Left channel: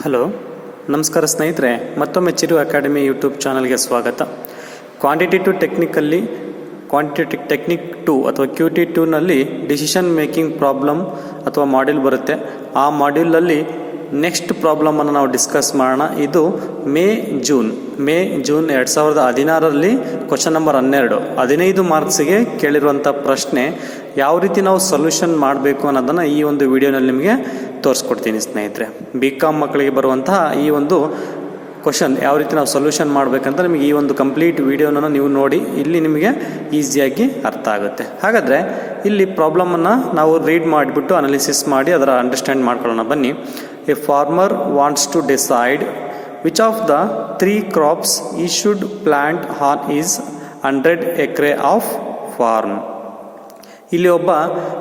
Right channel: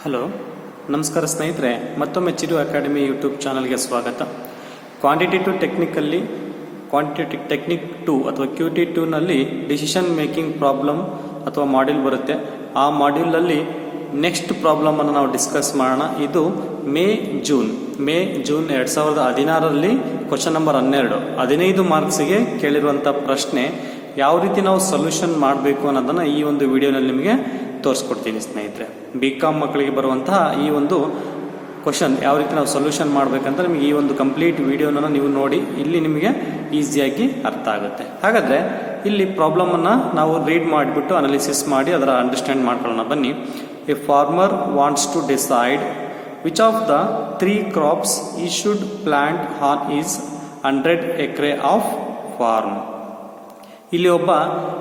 Hello, ನಮಸ್ಕಾರ ಸ್ನೇಹಿತರೆ. ಮತ್ತೊಮ್ಮೆ ಚಿರು ಅಕಾಡೆಮಿ ಯೂಟ್ಯೂಬ್ ಚಾನಲ್ಗೆ ಸ್ವಾಗತ. ಕ್ವಾಂಟಿಟೇಟಿವ್ ಟೆಕ್ನಿಕ್ 2 ಅಥವಾ QT2ನಲ್ಲಿ ಡಿಸಿಷನ್ ಮೇಕಿಂಗ್ ಪ್ರಾಬ್ಲಮ್ ಅಥವಾ ಮಾಡ್ಯೂಲ್ ಬರುತ್ತೆ. ಆ ಮಾಡ್ಯೂಲಲ್ಲಿ ನೆಕ್ಸ್ಟ್ ಪ್ರಾಬ್ಲಮನ್ನು ನಾವು ಡಿಸ್ಕಸ್ ಮಾಡೋಣ. ಇದು ಮೇ ಜೂನ್ 2016ರಲ್ಲಿ ಕ್ವಶನ್ ನಂಬರ್ 15 ಮಾರ್ಕ್ಸಿಗೆ ಕೇಳಿರುವಂಥ ಪ್ರಶ್ನೆ. ಯಾವ ರೀತಿ ನಾವು ಸೊಲ್ಯೂಷನ್ ಮಾಡಬೇಕು ಅನ್ನೋದನ್ನು ಈ ಒಂದು ವಿಡಿಯೋನಲ್ಲಿ ನಿಮಗೆ ತೋರಿಸ್ಕೊಡ್ತೀನಿ ಸ್ನೇಹಿತರೆ. BCom ಮಕ್ಕಳಿಗೆ ಬರುವಂತಹ ಈ ಒಂದು ಕ್ವಶನ್ ಯಾವ ರೀತಿ ನಾವು ಸೊಲ್ಯೂಷನ್ ಮಾಡಬೇಕಂತ ನಿಮಗೆ ಈ ಒಂದು ಕಂಪ್ಲೀಟ್ ವಿಡಿಯೋನ ನೀವು ನೋಡಿ ಇಲ್ಲಿ ನಿಮಗೆ ಈಸಿಯಾಗಿ ಅರ್ಥ ಆಗುತ್ತೆ. ಹಾಗಾದರೆ ಇಲ್ಲಿ ಪ್ರಾಬ್ಲಮನ್ನು ನಾವು ರೀಡ್ ಮಾಡಿಬಿಟ್ಟು ಅನಾಲಿಸಿಸ್ ಮಾಡಿ ಅದರ ಅಂಡರ್ಸ್ಟ್ಯಾಂಡ್ ಮಾಡ್ಕೊಳ್ಳೋಣ ಬನ್ನಿ. A farmer wants to decide which of the 3 crops he should plant on his 100 acre of farm. ಇಲ್ಲಿ ಒಬ್ಬ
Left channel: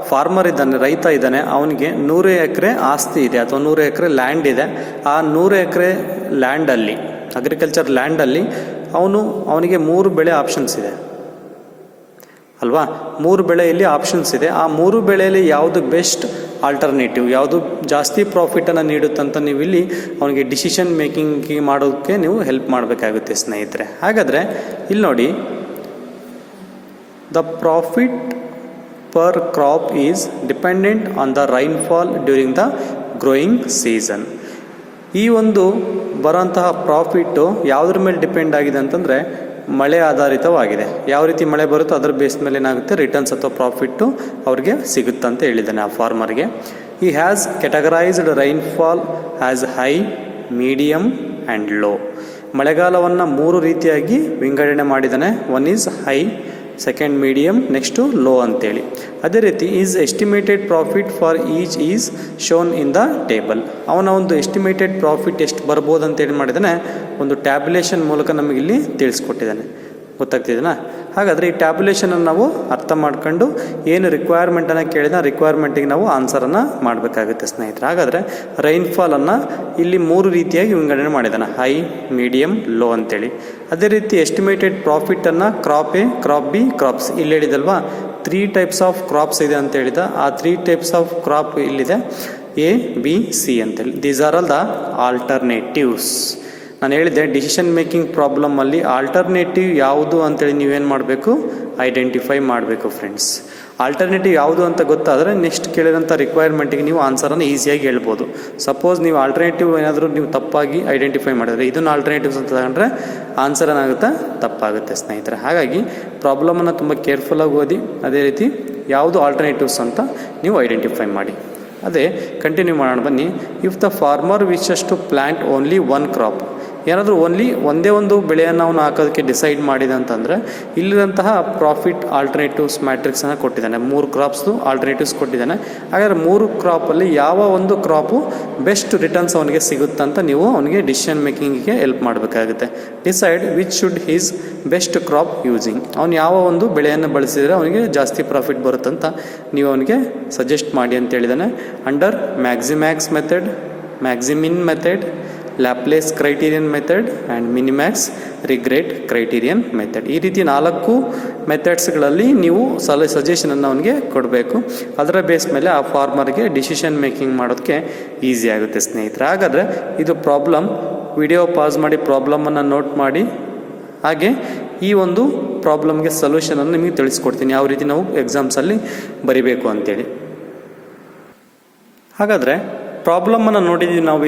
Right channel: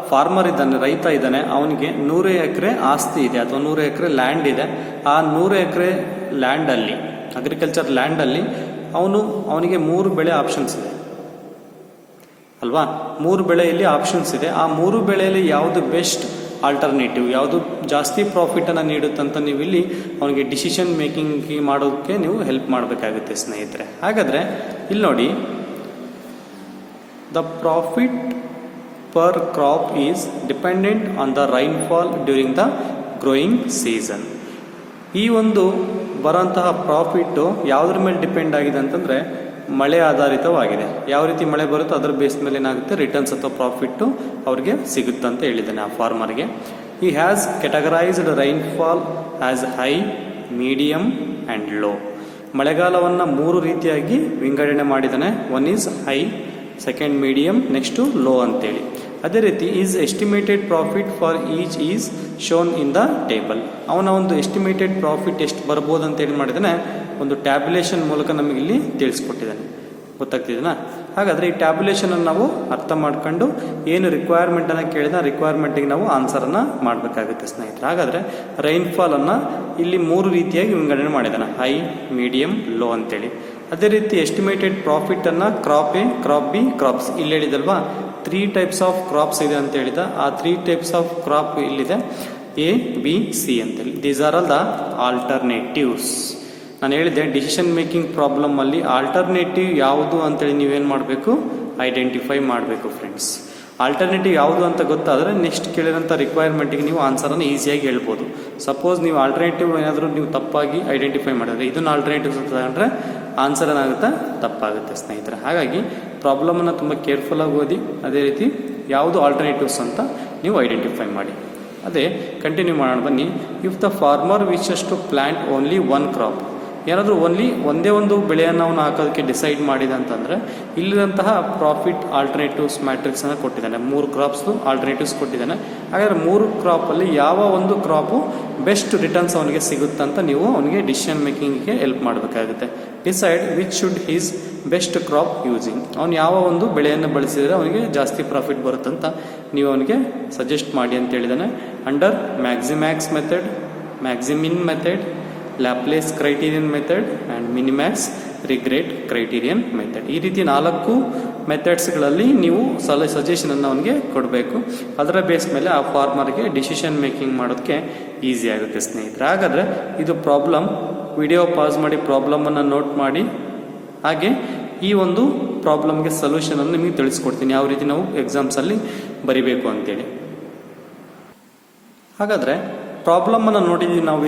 ಫಾರ್ಮರ್ ಇದ್ದಾನೆ, ರೈತ ಇದ್ದಾನೆ. ಅವನಿಗೆ 100 ಎಕರೆ ಆಸ್ತಿ ಇದೆ ಅಥವಾ 100 ಎಕರೆ ಲ್ಯಾಂಡ್ ಇದೆ. ಆ 100 ಎಕರೆ ಲ್ಯಾಂಡಲ್ಲಿ, ಅಗ್ರಿಕಲ್ಚರ್ ಲ್ಯಾಂಡಲ್ಲಿ ಅವನಿಗೆ 3 ಬೆಳೆ ಆಪ್ಷನ್ಸ್ ಇದೆ ಅಲ್ವಾ. 3 ಬೆಳೆಯಲ್ಲಿ ಆಪ್ಷನ್ಸ್ ಇದೆ. ಆ 3 ಬೆಳೆಯಲ್ಲಿ ಯಾವುದು ಬೆಸ್ಟ್ ಆಲ್ಟರ್ನೇಟಿವ್, ಯಾವುದು ಜಾಸ್ತಿ ಪ್ರಾಫಿಟನ್ನು ನೀಡುತ್ತಂತ ನೀವು ಇಲ್ಲಿ ಅವನಿಗೆ ಡಿಸಿಷನ್ ಮೇಕಿಂಗ್ ಮಾಡೋದಕ್ಕೆ ನೀವು ಹೆಲ್ಪ್ ಮಾಡಬೇಕಾಗುತ್ತೆ ಸ್ನೇಹಿತರೆ. ಹಾಗಾದರೆ ಇಲ್ಲಿ ನೋಡಿ, the profit per crop is dependent on the rainfall during the growing season. ಈ ಒಂದು ಬರೋಂತಹ ಪ್ರಾಫಿಟ್ಟು ಯಾವುದ್ರ ಮೇಲೆ ಡಿಪೆಂಡ್ ಆಗಿದೆ ಅಂತಂದರೆ ಮಳೆ ಆಧಾರಿತವಾಗಿದೆ. ಯಾವ ರೀತಿ ಮಳೆ ಬರುತ್ತೋ ಅದರ ಬೇಸ್ ಮೇಲೆ ಏನಾಗುತ್ತೆ, ರಿಟರ್ನ್ಸ್ ಅಥವಾ ಪ್ರಾಫಿಟ್ಟು ಅವ್ರಿಗೆ ಸಿಗುತ್ತಂತ ಹೇಳಿದ್ದಾನೆ ಆ ಫಾರ್ಮರ್ಗೆ. ಈ has categorised rainfall as high, medium and low. ಮಳೆಗಾಲವನ್ನು 3 ರೀತಿಯಾಗಿ ವಿಂಗಡಣೆ ಮಾಡಿದ್ದಾನೆ. 1 is high, second medium, next low ಅಂತೇಳಿ. ಅದೇ ರೀತಿ is estimated profit for each is shown in the table. ಅವನ ಒಂದು ಎಸ್ಟಿಮೇಟೆಡ್ ಪ್ರಾಫಿಟ್ ಎಷ್ಟು ಬರ್ಬೋದು ಅಂತೇಳಿ ಮಾಡಿದ್ದಾನೆ, ಒಂದು ಟ್ಯಾಬ್ಯುಲೇಷನ್ ಮೂಲಕ ನಮಗಿಲ್ಲಿ ತಿಳಿಸ್ಕೊಟ್ಟಿದ್ದಾನೆ. ಗೊತ್ತಾಗ್ತಿದೆನಾ? ಹಾಗಾದರೆ ಈ ಟ್ಯಾಬ್ಯುಲೇಷನನ್ನು ನಾವು ಅರ್ಥ ಮಾಡ್ಕೊಂಡು ಏನು ರಿಕ್ವೈರ್ಮೆಂಟನ್ನು ಕೇಳಿದ ರಿಕ್ವೈರ್ಮೆಂಟಿಗೆ ನಾವು ಆನ್ಸರನ್ನು ಮಾಡಬೇಕಾಗುತ್ತೆ ಸ್ನೇಹಿತರೆ. ಹಾಗಾದರೆ ರೈನ್ಫಾಲನ್ನು ಇಲ್ಲಿ 3 ರೀತಿಯಾಗಿ ವಿಂಗಡಣೆ ಮಾಡಿದ್ದಾನೆ, ಹೈ, ಮೀಡಿಯಮ್, ಲೋ ಅಂತೇಳಿ. ಅದೇ ರೀತಿ ಎಸ್ಟಿಮೇಟೆಡ್ ಪ್ರಾಫಿಟನ್ನು crop A, crop B, crops ಇಲ್ಲಿ ಹೇಳಿದಲ್ವಾ. 3 ಟೈಪ್ಸ್ ಆಫ್ ಕ್ರಾಪ್ಸ್ ಇದೆ ಅಂತ ಹೇಳಿದ. ಆ 3 ಟೈಪ್ಸ್ ಆಫ್ ಕ್ರಾಪ್ ಇಲ್ಲಿದೆ, A, B, C ಅಂತೇಳಿ. These are all the alternatives. ನಾನು ಹೇಳಿದೆ ಡಿಸಿಷನ್ ಮೇಕಿಂಗ್ ಪ್ರಾಬ್ಲಮಲ್ಲಿ ಆಲ್ಟರ್ನೇಟಿವ್ ಯಾವುದು ಅಂತೇಳಿ ನೀವೇನು ಮಾಡಬೇಕು, ಐಡೆಂಟಿಫೈ ಮಾಡಬೇಕು ಫ್ರೆಂಡ್ಸ್. ಆಲ್ಟರ್ನೇಟಿವ್ ಯಾವುದು ಅಂತ ಗೊತ್ತಾದರೆ ನೆಕ್ಸ್ಟ್ ಕೇಳಿರೋಂಥ ರಿಕ್ವೈರ್ಮೆಂಟಿಗೆ ನೀವು ಆನ್ಸರನ್ನು ಈಸಿಯಾಗಿ ಹೇಳ್ಬೋದು. ಸಪೋಸ್ ನೀವು ಆಲ್ಟರ್ನೇಟಿವ್ ಏನಾದರೂ ನೀವು ತಪ್ಪಾಗಿ ಐಡೆಂಟಿಫೈ ಮಾಡಿದ್ರೆ, ಇದನ್ನು ಆಲ್ಟರ್ನೇಟಿವ್ಸ್ ಅಂತ ತಗೊಂಡ್ರೆ ಆನ್ಸರ್ ಏನಾಗುತ್ತೆ, ತಪ್ಪಾಗುತ್ತೆ ಸ್ನೇಹಿತರೆ. ಹಾಗಾಗಿ ಪ್ರಾಬ್ಲಮನ್ನು ತುಂಬ ಕೇರ್ಫುಲ್ಲಾಗಿ ಓದಿ, ಅದೇ ರೀತಿ ಯಾವುದು ಆಲ್ಟರ್ನೇಟಿವ್ಸ್ ಅಂತ ನೀವು ಐಡೆಂಟಿಫೈ ಮಾಡಿ. ಅದೇ ಕಂಟಿನ್ಯೂ ಮಾಡೋಣ ಬನ್ನಿ. If the farmer wishes to plant only 1 crop, ಏನಾದರೂ ಒಂದೇ ಒಂದು ಬೆಳೆಯನ್ನು ಅವನು ಹಾಕೋದಕ್ಕೆ ಡಿಸೈಡ್ ಮಾಡಿದ ಅಂತಂದರೆ ಇಲ್ಲಿರುವಂತಹ ಪ್ರಾಫಿಟ್ ಆಲ್ಟರ್ನೇಟಿವ್ಸ್ ಮ್ಯಾಟ್ರಿಕ್ಸನ್ನು ಕೊಟ್ಟಿದ್ದಾನೆ. 3 ಕ್ರಾಪ್ಸ್ದು ಆಲ್ಟರ್ನೇಟಿವ್ಸ್ ಕೊಟ್ಟಿದ್ದಾನೆ. ಹಾಗಾದರೆ 3 ಕ್ರಾಪಲ್ಲಿ ಯಾವ ಒಂದು ಕ್ರಾಪು ಬೆಸ್ಟ್ ರಿಟರ್ನ್ಸ್ ಅವನಿಗೆ ಸಿಗುತ್ತಂತ ನೀವು ಅವನಿಗೆ ಡಿಸಿಷನ್ ಮೇಕಿಂಗಿಗೆ ಹೆಲ್ಪ್ ಮಾಡಬೇಕಾಗುತ್ತೆ. Decide which should he's best crop using. ಅವನು ಯಾವ ಒಂದು ಬೆಳೆಯನ್ನು ಬಳಸಿದರೆ ಅವನಿಗೆ ಜಾಸ್ತಿ ಪ್ರಾಫಿಟ್ ಬರುತ್ತಂತ ನೀವು ಅವನಿಗೆ ಸಜೆಸ್ಟ್ ಮಾಡಿ ಅಂತ ಹೇಳಿದ್ದಾನೆ. Under maximax method, maximin method, Laplace criterion method and minimax regret criterion method. ಈ ರೀತಿ 4 ಮೆಥಡ್ಸ್ಗಳಲ್ಲಿ ನೀವು ಸಜೆಷನನ್ನು ಅವನಿಗೆ ಕೊಡಬೇಕು. ಅದರ ಬೇಸ್ ಮೇಲೆ ಆ ಫಾರ್ಮರ್ಗೆ ಡಿಸಿಷನ್ ಮೇಕಿಂಗ್ ಮಾಡೋದಕ್ಕೆ ಈಸಿ ಆಗುತ್ತೆ ಸ್ನೇಹಿತರೆ. ಹಾಗಾದರೆ ಇದು ಪ್ರಾಬ್ಲಮ್. ವಿಡಿಯೋ ಪಾಸ್ ಮಾಡಿ ಪ್ರಾಬ್ಲಮನ್ನು ನೋಟ್ ಮಾಡಿ, ಹಾಗೆ ಈ ಒಂದು ಪ್ರಾಬ್ಲಮ್ಗೆ ಸೊಲ್ಯೂಷನನ್ನು ನಿಮಗೆ ತಿಳಿಸ್ಕೊಡ್ತೀನಿ, ಯಾವ ರೀತಿ ನಾವು ಎಕ್ಸಾಮ್ಸಲ್ಲಿ ಬರಿಬೇಕು ಅಂತೇಳಿ. ಹಾಗಾದರೆ ಪ್ರಾಬ್ಲಮನ್ನು ನೋಡಿದ್ದೀವಿ ನಾವು.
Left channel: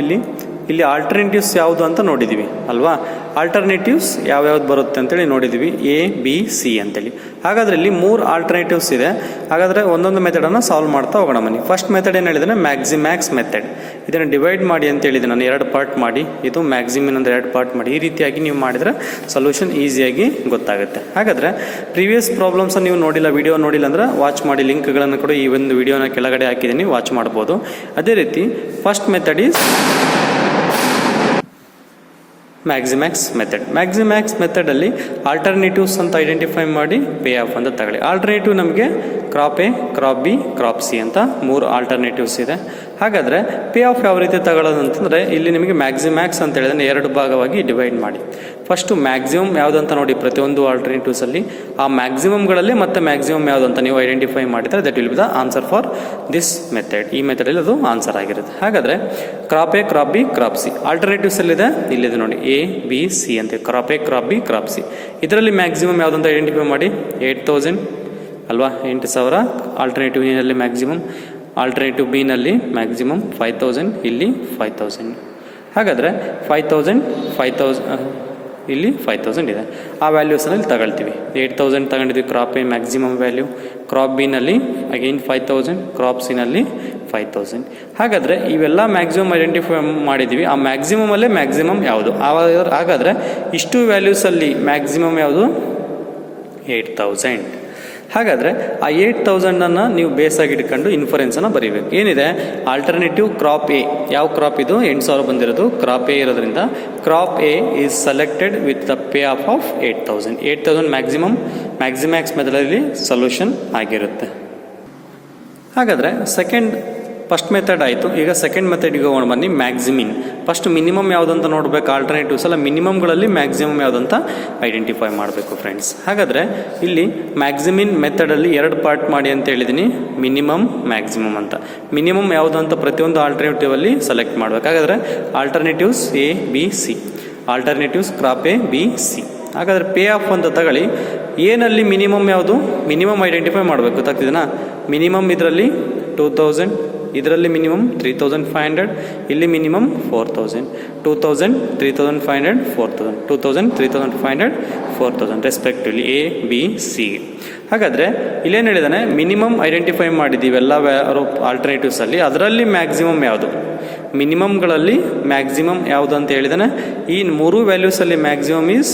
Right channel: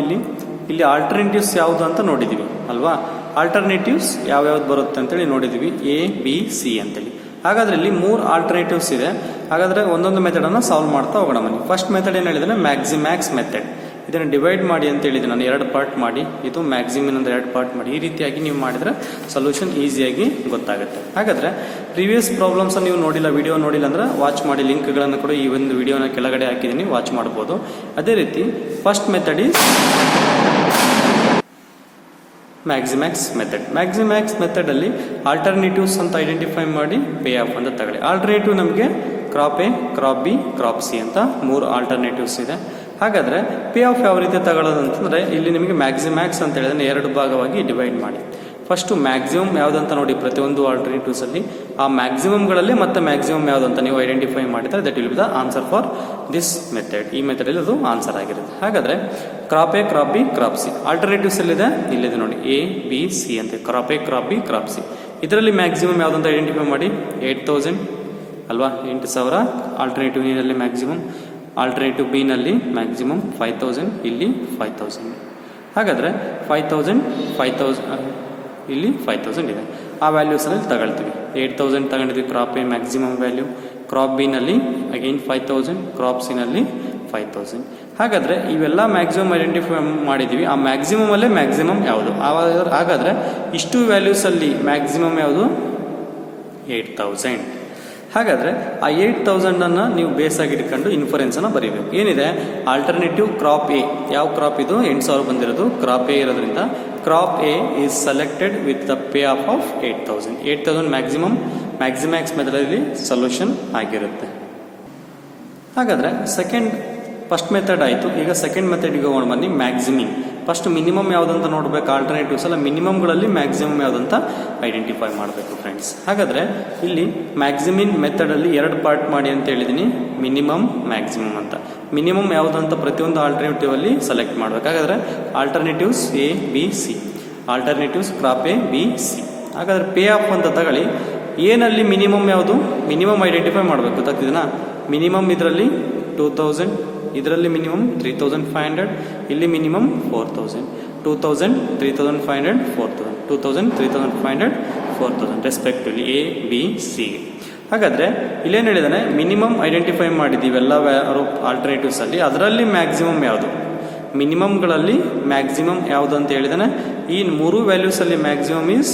ಇಲ್ಲಿ ಆಲ್ಟರ್ನೇಟಿವ್ಸ್ ಯಾವುದು ಅಂತ ನೋಡಿದ್ದೀವಿ ಅಲ್ವಾ. ಆಲ್ಟರ್ನೇಟಿವ್ಸ್ ಯಾವ್ಯಾವ್ದು ಬರುತ್ತೆ ಅಂತೇಳಿ ನೋಡಿದ್ದೀವಿ, A, B, C ಅಂತೇಳಿ. ಹಾಗಾದರೆ ಇಲ್ಲಿ 3 ಆಲ್ಟರ್ನೇಟಿವ್ಸ್ ಇದೆ. ಹಾಗಾದರೆ ಒಂದೊಂದು ಮೆಥಡನ್ನು ಸಾಲ್ವ್ ಮಾಡ್ತಾ ಹೋಗೋಣ ಬನ್ನಿ. ಫಸ್ಟ್ ಮೆಥಡ್ ಏನು ಹೇಳಿದ್ರೆ ಮ್ಯಾಕ್ಸಿಮ್ಯಾಕ್ಸ್ ಮೆಥಡ್. ಇದನ್ನು ಡಿವೈಡ್ ಮಾಡಿ ಅಂತ ಹೇಳಿದೆ ನಾನು, 2 ಪಾರ್ಟ್ ಮಾಡಿ. ಇದು ಮ್ಯಾಕ್ಸಿಮಿನ್ ಅಂದರೆ 2 ಪಾರ್ಟ್ ಮಾಡಿ. ಈ ರೀತಿಯಾಗಿ ನೀವು ಮಾಡಿದರೆ ಸೊಲ್ಯೂಷನ್ ಈಸಿಯಾಗಿ ಗೊತ್ತಾಗುತ್ತೆ. ಹಾಗಾದರೆ ಪ್ರೀವಿಯಸ್ ಪ್ರಾಬ್ಲಮ್ಸ್ ನೀವು ನೋಡಿಲ್ಲ, ವಿಡಿಯೋ ನೋಡಿಲ್ಲ ಅಂದರೆ ವಾಚ್ ಮಾಡಿ. ಲಿಂಕ್ಗಳನ್ನು ಕೂಡ ಈ ಒಂದು ವಿಡಿಯೋನ ಕೆಳಗಡೆ ಹಾಕಿದ್ದೀನಿ, ವಾಚ್ ಮಾಡ್ಬೋದು. ಅದೇ ರೀತಿ first method is maximax method. Maximax ಮೆಥಡಲ್ಲಿ ಆಲ್ಟರ್ನೇಟಿವ್ಸ್ ಅಂತ ಐಡೆಂಟಿಫೈ ಮಾಡಿ ಪೇ ಆಫ್ ಅಂತ ತಗೊಳ್ಳಿ. ಆಲ್ಟರ್ನೇಟಿವ್ ನಮಗೆ crop A, crop B, crop C ಅಂತ 3 ಆಲ್ಟರ್ನೇಟಿವ್ಸ್ ಇದೆ. ಹಾಗಾದರೆ ಪೇ ಆಫ್ ಯಾವ ರೀತಿ ತಗೊಳ್ಳೋದು ಅಂತಂದರೆ ಇಲ್ಲಿ ನಿಮಗೆ ಮ್ಯಾಕ್ಸಿಮ್ಯಾಕ್ಸ್ ಅಂತ ಹೇಳಿದ್ರೆ 2 ಭಾಗವಾಗಿ ಡಿವೈಡ್ ಮಾಡಿ. ಫಸ್ಟು ಮ್ಯಾಕ್ಸಿಮಮ್ ಯಾವುದಂತ ನೋಡಿ ಪ್ರತಿಯೊಂದು ಆಲ್ಟರ್ನೇಟಿವ್ಸಲ್ಲಿ ಆ ಮ್ಯಾಕ್ಸಿಮಮ್ಗಳಲ್ಲಿ ಮತ್ತೆ ಮ್ಯಾಕ್ಸಿಮಮ್ ಯಾವುದಂತ ನೀವು ಐಡೆಂಟಿಫೈ ಮಾಡಿದರೆ that will be the answer for this method. ಈ ಮೆಥಡಲ್ಲಿ ಅದು ಆನ್ಸರ್ ಆಗಿರುತ್ತೆ. ಹಾಗಾದರೆ crop A, crop B, crop C ಆಲ್ಟರ್ನೇಟಿವ್ಸಲ್ಲಿದೆ, ಇಲ್ಲಿದೆ ನೋಡಿ ಎ ಬಿ ಸಿ ಅಂತ. Crop A, crop B, crop C. ಇದರಲ್ಲಿ ಮ್ಯಾಕ್ಸಿಮಮ್ ಯಾವುದಂತ ಐಡೆಂಟಿಫೈ ಮಾಡಿ. 8,000 ಅಲ್ವಾ, 8,000 ಆಲ್ಟರ್ನೇಟಿವ್ ಎನಲ್ಲಿ ಮ್ಯಾಕ್ಸಿಮಮ್. ಆಲ್ಟರ್ನೇಟಿವ್ ಬಿ ನಲ್ಲಿ ಮ್ಯಾಕ್ಸಿಮಮ್ 5,000, ಇಲ್ಲಿ 5,000. ಹಾಗಾದರೆ 5,000 ಇಲ್ಲಿ 5,000 ಇದೆ. ಆ ವ್ಯಾಲ್ಯೂಸ್ನಲ್ಲಿ ತಗೊಳ್ತೀವಿ. 8,000 ತಗೊಂಡಿದ್ವಿ crop A maximum value, crop B ನಲ್ಲಿ ಅಗೈನ್ 5,000, ಕ್ರಾಪ್ ಸಿ ನಲ್ಲಿ 5,000. ಹಾಗಾದರೆ ಇವೆಲ್ಲ ಮ್ಯಾಕ್ಸಿಮಮ್ ಐಡೆಂಟಿಫೈ ಮಾಡಿದ್ದೀವಿ. ಆ ಮ್ಯಾಕ್ಸಿಮಮಲ್ಲೇ ಮ್ಯಾಕ್ಸಿಮಮ್ ಯಾವುದು? ಹಾಗಾದರೆ ಇಷ್ಟು ವ್ಯಾಲ್ಯೂಸಲ್ಲಿ ಮ್ಯಾಕ್ಸಿಮಮ್ ಯಾವುದು? 8,000. ಹಾಗಾದರೆ ಆ 8,000 ನೀವು ಬೇಸಾಗಿ ಇಟ್ಕೊಂಡು ಇನ್ಫರೆನ್ಸನ್ನು ಬರೀಬೇಕು. ಏನಿದೆ ಆಲ್ಟರ್ನೇಟಿವ್ ಕ್ರಾಪ್ ಎ, ಯಾವ ಕ್ರಾಪ್ ಇದು? 8,000 ಬಂದಿರೋದು ಕ್ರಾಪ್ ಎ ಇರೋದ್ರಿಂದ crop A is selected with the pay off 8,000. 8,000 maximax ಮೆಥಡಲ್ಲಿ ಸೊಲ್ಯೂಷನ್ ಆಗಿರುತ್ತೆ. ಹಾಗಾದರೆ ಫಸ್ಟ್ ಮೆಥಡ್ ಆಯಿತು. ಈಗ ಸೆಕೆಂಡ್ ಮೆಥಡ್ಗೆ ಹೋಗೋಣ ಬನ್ನಿ. ಮ್ಯಾಕ್ಸಿಮಿಂಗ್. ಫಸ್ಟ್ ಮಿನಿಮಮ್ ಯಾವುದಂತ ನೋಡಬೇಕು. ಆಲ್ಟರ್ನೇಟಿವ್ಸ್ ಅಲ್ಲ, ಮಿನಿಮಮ್ಗಳಲ್ಲಿ ಮ್ಯಾಕ್ಸಿಮಮ್ ಯಾವುದಂತ ಐಡೆಂಟಿಫೈ ಮಾಡಬೇಕು ಫ್ರೆಂಡ್ಸ್. ಹಾಗಾದರೆ ಇಲ್ಲಿ ಮ್ಯಾಕ್ಸಿಮಿನ್ ಮೆಥಡಲ್ಲಿ 2 ಪಾರ್ಟ್ ಮಾಡಿ ಅಂತ ಹೇಳಿದ್ದೀನಿ, ಮಿನಿಮಮ್ ಮ್ಯಾಕ್ಸಿಮಮ್ ಅಂತ. ಮಿನಿಮಮ್ ಯಾವುದು ಅಂತ ಪ್ರತಿಯೊಂದು ಆಲ್ಟರ್ನೇಟಿವ್ ಅಲ್ಲಿ ಸೆಲೆಕ್ಟ್ ಮಾಡಬೇಕು. ಹಾಗಾದರೆ alternatives A B C, alternatives crop A B C. ಹಾಗಾದರೆ ಪೇ ಆಫ್ ಅಂತ ತಗೊಳ್ಳಿ. ಏನಲ್ಲಿ ಮಿನಿಮಮ್ ಯಾವುದು? ಮಿನಿಮಮ್ ಐಡೆಂಟಿಫೈ ಮಾಡಬೇಕು. ಗೊತ್ತಾಗ್ತಿದೆನಾ? ಮಿನಿಮಮ್ ಇದರಲ್ಲಿ 2,000, ಇದರಲ್ಲಿ ಮಿನಿಮಮ್ 3,500, ಇಲ್ಲಿ minimum 4,000. 2,000, 3,500, 4,000, 2,000, 3,500, 4,000 respectively A B C. ಹಾಗಾದರೆ ಇಲ್ಲೇನು ಹೇಳಿದಾನೆ? ಮಿನಿಮಮ್ ಐಡೆಂಟಿಫೈ ಮಾಡಿದ್ದೀವಿ ಎಲ್ಲ ಆಲ್ಟರ್ನೇಟಿವ್ಸ್ ಅಲ್ಲಿ. ಅದರಲ್ಲಿ ಮ್ಯಾಕ್ಸಿಮಮ್ ಯಾವುದು? ಮಿನಿಮಮ್ಗಳಲ್ಲಿ ಮ್ಯಾಕ್ಸಿಮಮ್ ಯಾವುದು ಅಂತ ಹೇಳಿದಾನೆ. ಈ 3 ವ್ಯಾಲ್ಯೂಸಲ್ಲಿ maximum is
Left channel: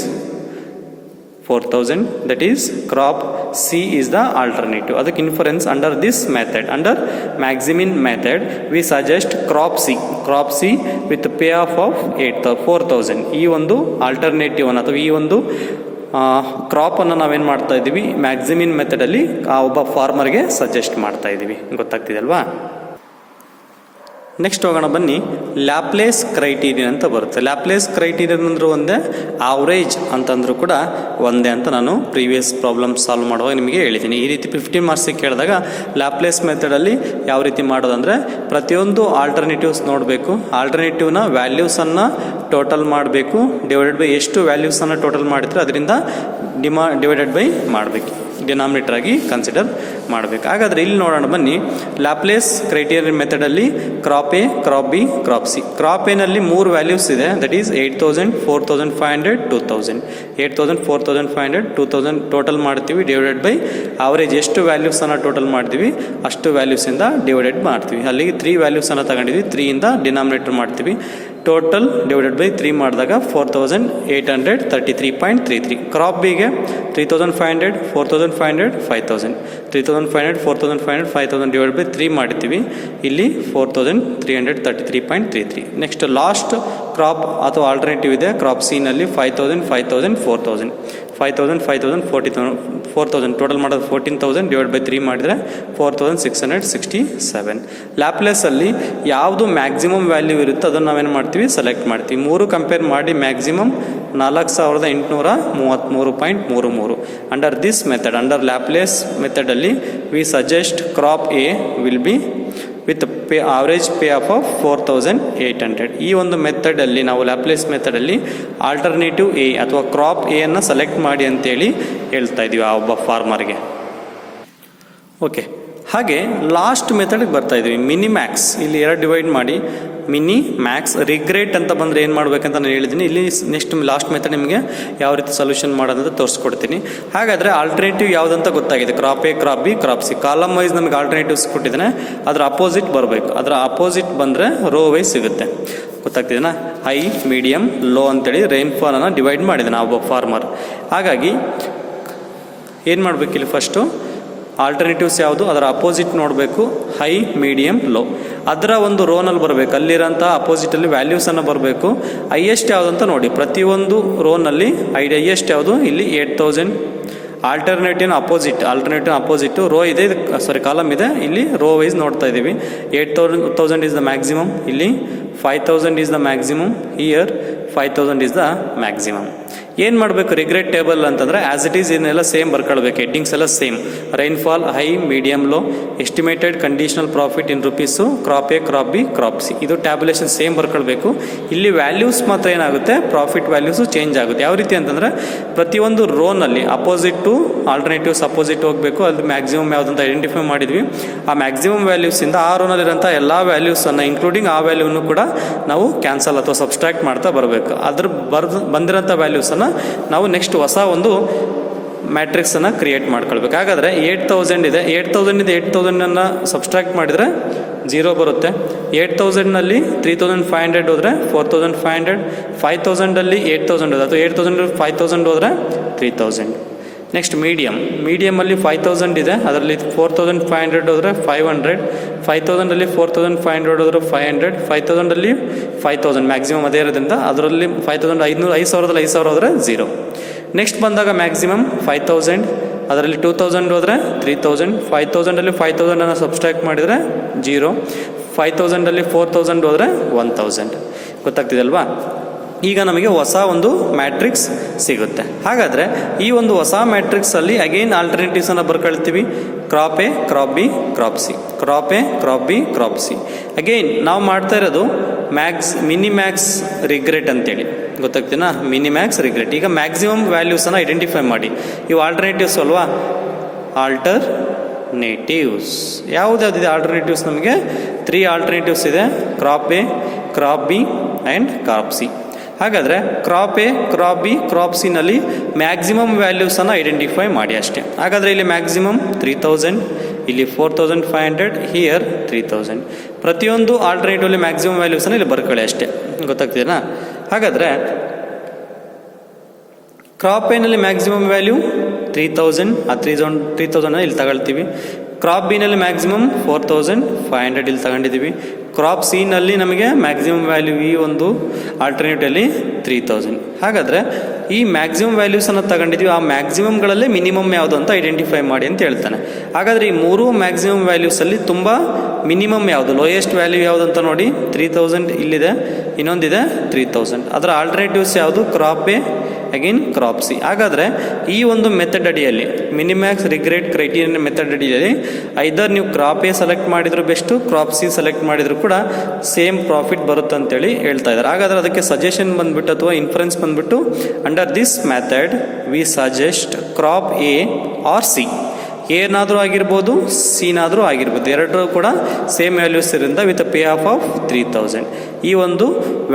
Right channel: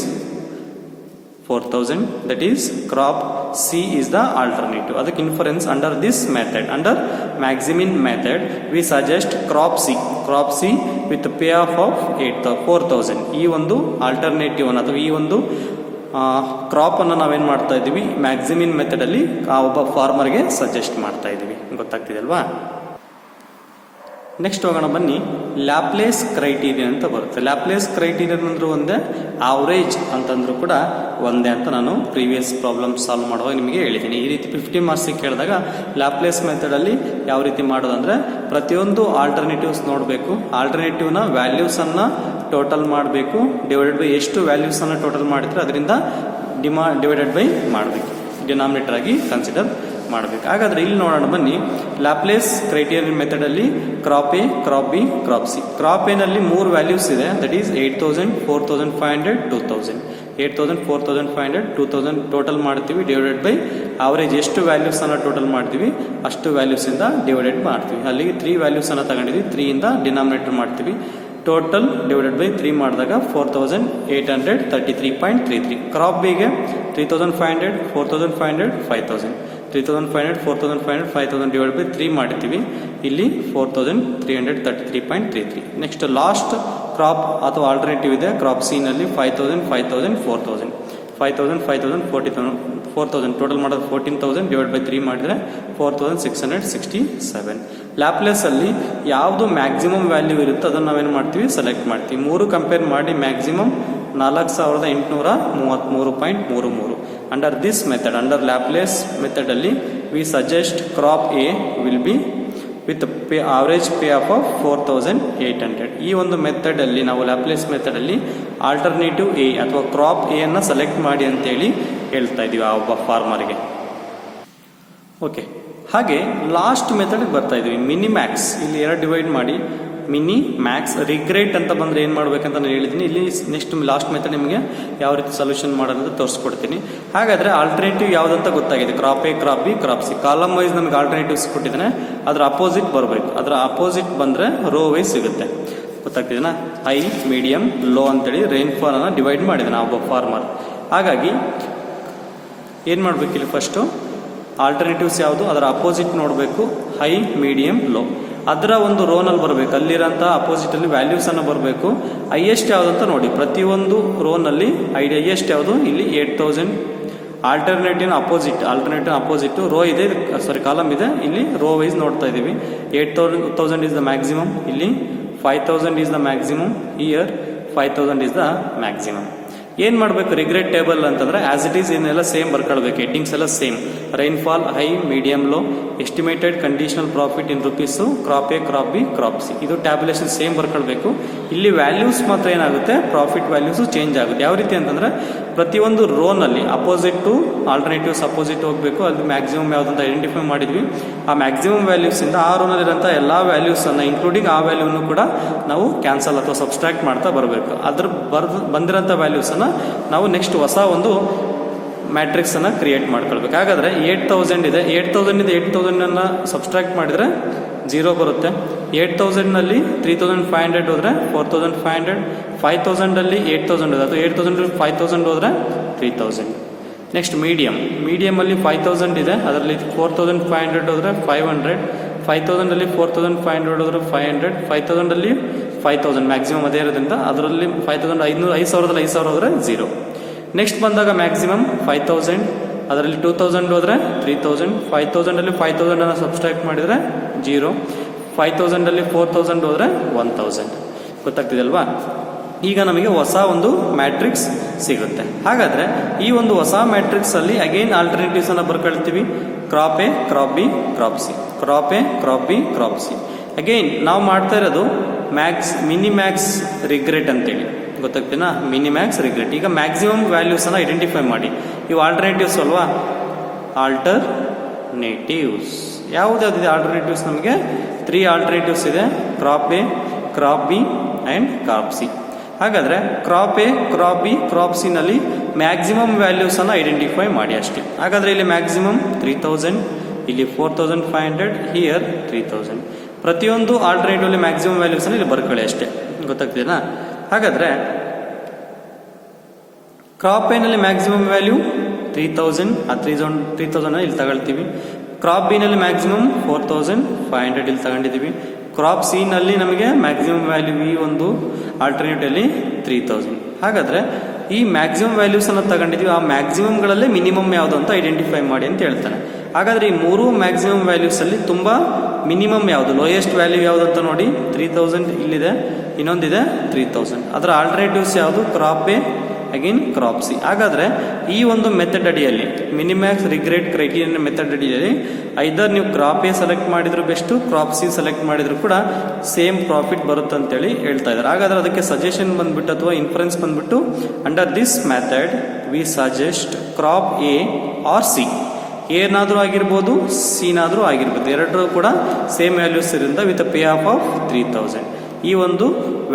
4,000. That is crop C is the alternative. ಅದಕ್ಕೆ inference under this method, under maximin method we suggest crop C with pay off 4,000. ಈ ಒಂದು ಆಲ್ಟರ್ನೇಟಿವ್ ಅನ್ನು ಅಥವಾ ಈ ಒಂದು ಕ್ರಾಪ್ ಅನ್ನು ನಾವೇನು ಮಾಡ್ತಾ ಇದ್ದೀವಿ? ಮ್ಯಾಕ್ಸಿಮಿನ್ ಮೆಥಡಲ್ಲಿ ಆ ಒಬ್ಬ ಫಾರ್ಮರ್ಗೆ ಸಜೆಸ್ಟ್ ಮಾಡ್ತಾ ಇದ್ದೀವಿ. ಗೊತ್ತಾಗ್ತಿದೆ ಅಲ್ವಾ? ನೆಕ್ಸ್ಟ್ ಹೋಗೋಣ ಬನ್ನಿ. ಲ್ಯಾಪ್ಲೇಸ್ ಕ್ರೈಟೀರಿಯನ್ ಅಂತ ಬರುತ್ತೆ. ಲ್ಯಾಪ್ಲೇಸ್ ಕ್ರೈಟೀರಿಯನ್ ಅಂದರೂ ಒಂದೇ, ಆವ್ರೇಜ್ ಅಂತಂದ್ರೂ ಕೂಡ ಒಂದೇ ಅಂತ ನಾನು ಪ್ರೀವಿಯಸ್ ಪ್ರಾಬ್ಲಮ್ ಸಾಲ್ವ್ ಮಾಡುವಾಗ ನಿಮಗೆ ಹೇಳಿದ್ದೀನಿ. ಈ ರೀತಿ 15 ಮಾರ್ಕ್ಸಿಗೆ ಕೇಳಿದಾಗ ಲ್ಯಾಪ್ಲೇಸ್ ಮೆಥಡಲ್ಲಿ ಯಾವ ರೀತಿ ಮಾಡೋದಂದರೆ ಪ್ರತಿಯೊಂದು ಆಲ್ಟರ್ನೇಟಿವ್ಸ್ ನೋಡಬೇಕು, ಆಲ್ಟರ್ನೇಟಿವ್ನ ವ್ಯಾಲ್ಯೂಸನ್ನು ಟೋಟಲ್ ಮಾಡಬೇಕು, ಡಿವೈಡೆಡ್ ಬೈ ಎಷ್ಟು ವ್ಯಾಲ್ಯೂಸನ್ನು ಟೋಟಲ್ ಮಾಡಿದ್ರೆ ಅದರಿಂದ ಡಿವೈಡೆಡ್ ಬೈ ಮಾಡಬೇಕು, ಡಿನಾಮಿನೇಟರ್ ಆಗಿ ಕನ್ಸಿಡರ್ ಮಾಡಬೇಕು. ಹಾಗಾದರೆ ಇಲ್ಲಿ ನೋಡೋಣ ಬನ್ನಿ. ಲ್ಯಾಪ್ಲೇಸ್ ಕ್ರೈಟೀರಿಯನ್ ಮೆಥಡಲ್ಲಿ crop A, crop B, crop C. Crop ಎನಲ್ಲಿ 3 ವ್ಯಾಲ್ಯೂಸ್ ಇದೆ. That is 8,000, 4,500, 2,000. 8,000, 4,500, 2,000 ಟೋಟಲ್ ಮಾಡ್ತೀವಿ, ಡಿವೈಡೆಡ್ ಬೈ ಆವರೇಜ್ ಎಷ್ಟು ವ್ಯಾಲ್ಯೂಸನ್ನು ಟೋಟಲ್ ಮಾಡ್ತೀವಿ ಅಷ್ಟು ವ್ಯಾಲ್ಯೂಸಿಂದ ಡಿವೈಡೆಡ್ ಮಾಡ್ತೀವಿ. ಅಲ್ಲಿಗೆ 3 ವ್ಯಾಲ್ಯೂಸನ್ನು ತಗೊಂಡಿದ್ವಿ, 3ಇಂದ ಡಿನಾಮಿನೇಟರ್ ಮಾಡ್ತೀವಿ. ಟೋಟಲ್ ಡಿವೈಡೆಡ್ ಬೈ 3 ಮಾಡಿದಾಗ 4,833.33. ಕ್ರಾಪ್ ಬಿಗೆ 3,500, 4,500, 5,000. 3,500, 4,500, 5,000 ಡಿವೈಡ್ ಬೈ 3 ಮಾಡ್ತೀವಿ. ಇಲ್ಲಿ 4,333.33. ನೆಕ್ಸ್ಟ್ ಲಾಸ್ಟ್ ಕ್ರಾಪ್ ಅಥವಾ ಆಲ್ಟರ್ನೇಟಿವ್ ಇದೆ ಕ್ರಾಪ್ ಸಿ ನಲ್ಲಿ 5,000, 5,000, 4,000. 5,000, 5,000, 4,000 ಟೋಟಲ್ ಮಾಡೋದು 14,000 ಡಿವೈಡ್ ಬೈ 3 ಮಾಡಿದರೆ 4,667. ಲ್ಯಾಪ್ಲೇಸಲ್ಲಿ ಯಾವುದು ಮ್ಯಾಕ್ಸಿಮಮ್ ವ್ಯಾಲ್ಯೂ ಇರುತ್ತೋ ಅದನ್ನು ನಾವೇನು ಮಾಡ್ತೀವಿ? ಸೆಲೆಕ್ಟ್ ಮಾಡ್ತೀವಿ. 3 ಕಂಪೇರ್ ಮಾಡಿ maximum 4,833.33. Under this method, under Laplace ಮೆಥಡಲ್ಲಿ we suggest crop A will be with average payoff 4,800. ಈ ಒಂದು ಮೆಥಡಲ್ಲಿ ನಾವು ಲ್ಯಾಪ್ಲೇಸ್ ಮೆಥಡಲ್ಲಿ ಆಲ್ಟರ್ನೇಟಿವ್ ಎ ಅಥವಾ ಕ್ರಾಪ್ ಎ ಅನ್ನು ಸೆಲೆಕ್ಟ್ ಮಾಡಿ ಅಂತೇಳಿ ಹೇಳ್ತಾ ಇದ್ದೀವಿ ಆ ಒಬ್ಬ ಫಾರ್ಮರ್ಗೆ. ಓಕೆ, ಹಾಗೆ ಲಾಸ್ಟ್ ಮೆಥಡ್ಗೆ ಬರ್ತಾ ಇದ್ದೀವಿ. ಮಿನಿಮ್ಯಾಕ್ಸ್. ಇಲ್ಲಿ 2 ಡಿವೈಡ್ ಮಾಡಿ ಮಿನಿ ಮ್ಯಾಕ್ಸ್ ರಿಗ್ರೆಟ್ ಅಂತ ಬಂದರೆ ಏನು ಮಾಡಬೇಕಂತ ನಾನು ಹೇಳಿದ್ದೀನಿ. ಇಲ್ಲಿ ನೆಕ್ಸ್ಟ್ ಲಾಸ್ಟ್ ಮೆಥಡ್ ನಿಮಗೆ ಯಾವ ರೀತಿ ಸೊಲ್ಯೂಷನ್ ಮಾಡೋದಂತ ತೋರಿಸ್ಕೊಡ್ತೀನಿ. ಹಾಗಾದರೆ ಆಲ್ಟರ್ನೇಟಿವ್ ಯಾವುದಂತ ಗೊತ್ತಾಗಿದೆ. Crop A, crop B, crop C. Column wise ನಮಗೆ ಆಲ್ಟರ್ನೇಟಿವ್ಸ್ ಕೊಟ್ಟಿದ್ದಾನೆ, ಅದರ ಅಪೋಸಿಟ್ ಬರಬೇಕು. ಅದರ ಅಪೋಸಿಟ್ ಬಂದರೆ ರೋ ವೈಸ್ ಸಿಗುತ್ತೆ. ಗೊತ್ತಾಗ್ತಿದೆನಾ? ಹೈ, ಮೀಡಿಯಮ್, ಲೋ ಅಂತೇಳಿ ರೈನ್ಫಾಲನ್ನು ಡಿವೈಡ್ ಮಾಡಿದ್ದಾನೆ ಒಬ್ಬ ಫಾರ್ಮರ್. ಹಾಗಾಗಿ ಏನು ಮಾಡಬೇಕು? ಇಲ್ಲಿ ಫಸ್ಟು ಆಲ್ಟರ್ನೇಟಿವ್ಸ್ ಯಾವುದು ಅದರ ಅಪೋಸಿಟ್ ನೋಡಬೇಕು. High, medium, low. ಅದರ ಒಂದು ರೋನಲ್ಲಿ ಬರಬೇಕು. ಅಲ್ಲಿರೋಂಥ ಅಪೋಸಿಟಲ್ಲಿ ವ್ಯಾಲ್ಯೂಸನ್ನು ಬರಬೇಕು. ಹೈಯೆಸ್ಟ್ ಯಾವುದಂತ ನೋಡಿ. ಪ್ರತಿಯೊಂದು ರೋನಲ್ಲಿ ಹೈಯೆಸ್ಟ್ ಯಾವುದು? ಇಲ್ಲಿ 8,000. ಆಲ್ಟರ್ನೇಟಿವ್ ಅಪೋಸಿಟ್ ರೋ ಇದೆ, ಕಾಲಮ್ ಇದೆ. ಇಲ್ಲಿ ರೋ ವೈಸ್ ನೋಡ್ತಾ ಇದ್ದೀವಿ. 8,000 ಈಸ್ ದ ಮ್ಯಾಕ್ಸಿಮಮ್. ಇಲ್ಲಿ 5,000 is the maximum. Here 5000 is the maximum. ಏನು ಮಾಡಬೇಕು ರಿಗ್ರೆಟ್ ಟೇಬಲ್ ಅಂತಂದರೆ ಆ್ಯಸ್ ಇಟ್ ಈಸ್ ಇದನ್ನೆಲ್ಲ ಸೇಮ್ ಬರ್ಕೊಳ್ಬೇಕು, ಹೆಡ್ಡಿಂಗ್ಸ್ ಎಲ್ಲ same. Rainfall, high, medium, low, estimated conditional profit in rupees, crop A, crop B, crop C, ಇದು tabulation same ಬರ್ಕೊಳ್ಬೇಕು. ಇಲ್ಲಿ values ಮಾತ್ರ ಏನಾಗುತ್ತೆ, profit values change ಆಗುತ್ತೆ. ಯಾವ ರೀತಿ ಅಂತಂದರೆ ಪ್ರತಿಯೊಂದು ರೋನಲ್ಲಿ ಅಪೋಸಿಟ್ ಟು ಆಲ್ಟರ್ನೇಟಿವ್ಸ್ ಅಪೋಸಿಟ್ ಹೋಗಬೇಕು. ಅದು ಮ್ಯಾಕ್ಸಿಮಮ್ ಯಾವುದಂತ ಐಡೆಂಟಿಫೈ ಮಾಡಿದ್ವಿ. ಆ ಮ್ಯಾಕ್ಸಿಮಮ್ ವ್ಯಾಲ್ಯೂಸಿಂದ ಆ ರೋನಲ್ಲಿರೋಂಥ ಎಲ್ಲ ವ್ಯಾಲ್ಯೂಸನ್ನು ಇನ್ಕ್ಲೂಡಿಂಗ್ ಆ ವ್ಯಾಲ್ಯೂನು ಕೂಡ ನಾವು ಕ್ಯಾನ್ಸಲ್ ಅಥವಾ ಸಬ್ಸ್ಟ್ರಾಕ್ಟ್ ಮಾಡ್ತಾ ಬರಬೇಕು. ಅದ್ರ ಬಂದಿರೋಂಥ ವ್ಯಾಲ್ಯೂಸನ್ನು ನಾವು ನೆಕ್ಸ್ಟ್ ಹೊಸ ಒಂದು ಮ್ಯಾಟ್ರಿಕ್ಸನ್ನು ಕ್ರಿಯೇಟ್ ಮಾಡ್ಕೊಳ್ಬೇಕು. ಹಾಗಾದರೆ 8000 ಇದೆ, 8000 ಸಬ್ಸ್ಟ್ರಾಕ್ಟ್ ಮಾಡಿದರೆ 0 ಬರುತ್ತೆ. 8000ನಲ್ಲಿ 3500 ಹೋದರೆ 4500, 5000ಅಲ್ಲಿ 8000 ಹೋದ್ರೆ, ಅಥವಾ 8000 5000 ಹೋದರೆ 3000. ನೆಕ್ಸ್ಟ್ ಮೀಡಿಯಮಲ್ಲಿ 5000 ಇದೆ, ಅದರಲ್ಲಿ 4500 ಹೋದರೆ 500, 5000ಅಲ್ಲಿ 4500 ಹೋದರೆ 500, 5000ಅಲ್ಲಿ 5000 ಮ್ಯಾಕ್ಸಿಮಮ್ ಅದೇ ಇರೋದ್ರಿಂದ ಅದರಲ್ಲಿ 5500, 5000 ಹೋದರೆ 0. ನೆಕ್ಸ್ಟ್ ಬಂದಾಗ ಮ್ಯಾಕ್ಸಿಮಮ್ 5000, ಅದರಲ್ಲಿ 2000 ಹೋದರೆ 3000, 5000ಅಲ್ಲಿ 5000 ಸಬ್ಸ್ಟ್ರಾಕ್ಟ್ ಮಾಡಿದರೆ 0, 5000ಅಲ್ಲಿ 4000 ಹೋದರೆ 1000. ಗೊತ್ತಾಗ್ತಿದಲ್ವಾ? ಈಗ ನಮಗೆ ಹೊಸ ಒಂದು ಮ್ಯಾಟ್ರಿಕ್ಸ್ ಸಿಗುತ್ತೆ. ಹಾಗಾದರೆ ಈ ಒಂದು ಹೊಸ ಮ್ಯಾಟ್ರಿಕ್ಸಲ್ಲಿ ಅಗೈನ್ ಆಲ್ಟರ್ನೇಟಿವ್ಸನ್ನು ಬರ್ಕೊಳ್ತೀವಿ. Crop A, crop B, crop C, crop A, crop B, crop C. Again ನಾವು ಮಾಡ್ತಾ ಇರೋದು ಮಿನಿಮ್ಯಾಕ್ಸ್ ರಿಗ್ರೆಟ್ ಅಂತೇಳಿ. ಗೊತ್ತಾಗ್ತೀನಾ? Minimax regret. ಈಗ ಮ್ಯಾಕ್ಸಿಮಮ್ ವ್ಯಾಲ್ಯೂಸನ್ನು ಐಡೆಂಟಿಫೈ ಮಾಡಿ. ಇವು ಆಲ್ಟರ್ನೇಟಿವ್ಸ್ ಅಲ್ವಾ? ಆಲ್ಟರ್ನೇಟಿವ್ಸ್ ಯಾವುದ್ಯಾವುದಿದೆ ಆಲ್ಟರ್ನೇಟಿವ್ಸ್? ನಮಗೆ 3 ಆಲ್ಟರ್ನೇಟಿವ್ಸ್ ಇದೆ, crop A, crop B and crop C. ಹಾಗಾದರೆ crop A, crop B, crop ಸಿನಲ್ಲಿ ಮ್ಯಾಕ್ಸಿಮಮ್ ವ್ಯಾಲ್ಯೂಸನ್ನು ಐಡೆಂಟಿಫೈ ಮಾಡಿ ಅಷ್ಟೇ. ಹಾಗಾದರೆ ಇಲ್ಲಿ ಮ್ಯಾಕ್ಸಿಮಮ್ 3000, ಇಲ್ಲಿ 4500, ಹಿಯರ್ 3000. ಪ್ರತಿಯೊಂದು ಆಲ್ಟರ್ನೇಟಿವ್ಲಿ ಮ್ಯಾಕ್ಸಿಮಮ್ ವ್ಯಾಲ್ಯೂಸನ್ನು ಇಲ್ಲಿ ಬರ್ಕೊಳ್ಳಿ ಅಷ್ಟೇ. ಗೊತ್ತಾಗ್ತೀನಾ? ಹಾಗಾದರೆ ಕ್ರಾಪ್ ಎನಲ್ಲಿ ಮ್ಯಾಕ್ಸಿಮಮ್ ವ್ಯಾಲ್ಯೂ 3000, ಆ 3000 ಇಲ್ಲಿ ತಗೊಳ್ತೀವಿ. ಕ್ರಾಪ್ ಬಿನಲ್ಲಿ ಮ್ಯಾಕ್ಸಿಮಮ್ 4500 ಇಲ್ಲಿ ತಗೊಂಡಿದ್ದೀವಿ. ಕ್ರಾಪ್ ಸಿನಲ್ಲಿ ನಮಗೆ ಮ್ಯಾಕ್ಸಿಮಮ್ ವ್ಯಾಲ್ಯೂ ಈ ಒಂದು ಆಲ್ಟರ್ನೇಟಲ್ಲಿ 3000. ಹಾಗಾದರೆ ಈ ಮ್ಯಾಕ್ಸಿಮಮ್ ವ್ಯಾಲ್ಯೂಸನ್ನು ತಗೊಂಡಿದ್ವಿ, ಆ ಮ್ಯಾಕ್ಸಿಮಮ್ಗಳಲ್ಲೇ ಮಿನಿಮಮ್ ಯಾವುದು ಅಂತ ಐಡೆಂಟಿಫೈ ಮಾಡಿ ಅಂತ ಹೇಳ್ತಾನೆ. ಹಾಗಾದರೆ ಈ 3 ಮ್ಯಾಕ್ಸಿಮಮ್ ವ್ಯಾಲ್ಯೂಸಲ್ಲಿ ತುಂಬ ಮಿನಿಮಮ್ ಯಾವುದು, ಲೋಯೆಸ್ಟ್ ವ್ಯಾಲ್ಯೂ ಯಾವುದು ಅಂತ ನೋಡಿ. 3000 ಇಲ್ಲಿದೆ, ಇನ್ನೊಂದಿದೆ 3000. ಅದರ ಆಲ್ಟರ್ನೇಟಿವ್ಸ್ ಯಾವುದು? Crop A, again crop C. ಹಾಗಾದರೆ ಈ ಒಂದು ಮೆಥಡ್ ಅಡಿಯಲ್ಲಿ, ಮಿನಿಮ್ಯಾಕ್ಸ್ ರಿಗ್ರೆಟ್ ಕ್ರೈಟೀರಿಯನ್ ಮೆಥಡ್ ಅಡಿಯಲ್ಲಿ ಐದರ್ ನೀವು ಕ್ರಾಪ್ ಎ ಸೆಲೆಕ್ಟ್ ಮಾಡಿದ್ರು ಬೆಸ್ಟು, ಕ್ರಾಪ್ ಸಿ ಸೆಲೆಕ್ಟ್ ಮಾಡಿದ್ರು ಕೂಡ ಸೇಮ್ ಪ್ರಾಫಿಟ್ ಬರುತ್ತೆ ಅಂತೇಳಿ ಹೇಳ್ತಾ ಇದ್ದಾರೆ. ಹಾಗಾದರೆ ಅದಕ್ಕೆ ಸಜೆಷನ್ ಬಂದ್ಬಿಟ್ಟು ಅಥವಾ ಇನ್ಫರೆನ್ಸ್ ಬಂದ್ಬಿಟ್ಟು, under this method we suggest crop A or C. ಏನಾದರೂ ಆಗಿರ್ಬೋದು, ಸಿನಾದರೂ ಆಗಿರ್ಬೋದು, ಎರಡರೂ ಕೂಡ ಸೇಮ್ ವ್ಯಾಲ್ಯೂಸ್ ಇರೋದ್ರಿಂದ ವಿತ್ ಪೇ ಆಫ್ 3000 ಈ ಒಂದು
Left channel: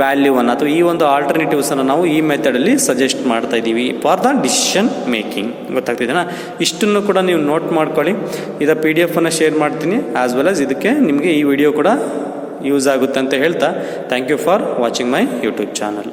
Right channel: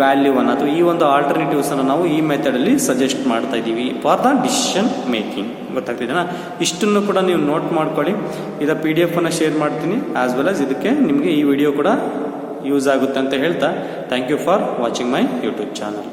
ವ್ಯಾಲ್ಯೂವನ್ನು ಅಥವಾ ಈ ಒಂದು ಆಲ್ಟರ್ನೇಟಿವ್ಸನ್ನು ನಾವು ಈ ಮೆಥಡಲ್ಲಿ ಸಜೆಸ್ಟ್ ಮಾಡ್ತಾ ಇದ್ದೀವಿ ಫಾರ್ ದ ಡಿಸಿಷನ್ ಮೇಕಿಂಗ್. ಗೊತ್ತಾಗ್ತಿದೆನಾ? ಇಷ್ಟನ್ನು ಕೂಡ ನೀವು ನೋಟ್ ಮಾಡ್ಕೊಳ್ಳಿ. ಇದರ PDF ಶೇರ್ ಮಾಡ್ತೀನಿ, ಆಸ್ ವೆಲ್ ಆಸ್ ಇದಕ್ಕೆ ನಿಮಗೆ ಈ ವಿಡಿಯೋ ಕೂಡ ಯೂಸ್ ಆಗುತ್ತೆ ಅಂತ ಹೇಳ್ತಾ, thank you for watching my YouTube channel.